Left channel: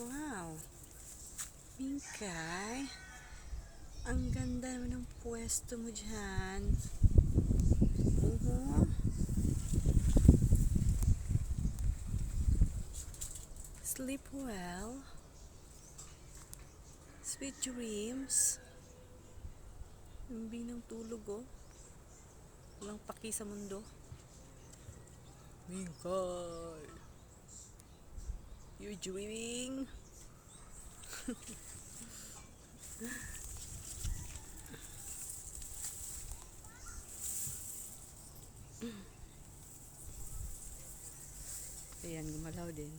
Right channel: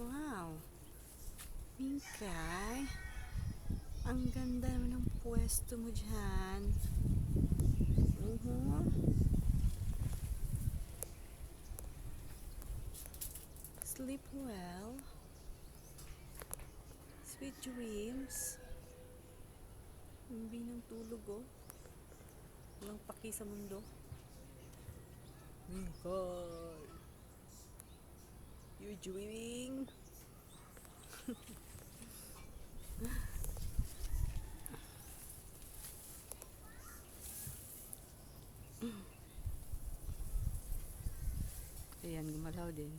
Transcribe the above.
Wow. Mingkay. Ang ganda ng pwesto mo dyan. Uhu. Sleep well. Sweet dreams. Hindi ng tulog oh. Walang paki sa mundo. Mingkay. You're dreaming. Ayan, gumalaw din.